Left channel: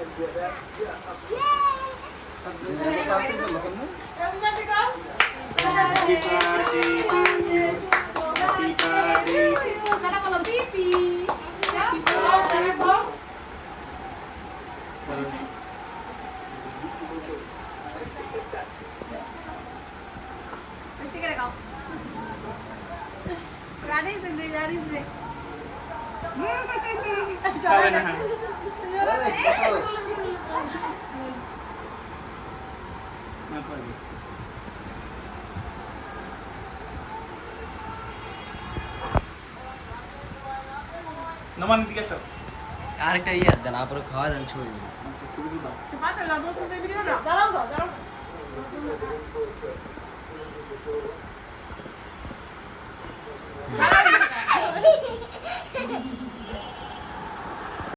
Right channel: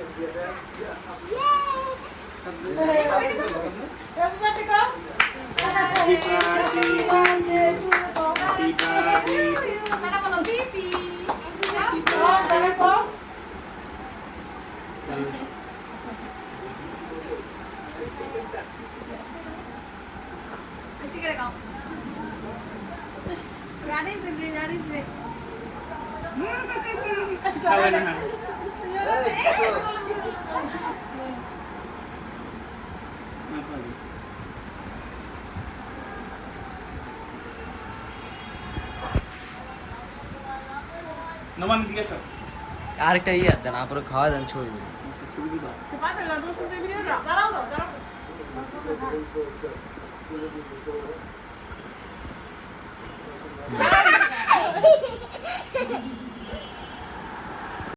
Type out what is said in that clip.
Happy birthday to you. Happy birthday to you. Happy birthday to you. Kawan ha. Apa lagi? Naman দিকে সব আরেকটা ইয়ে দেন আপনারা খাওয়া দেন ছড়ি ছবি দিবা দাঁড়াও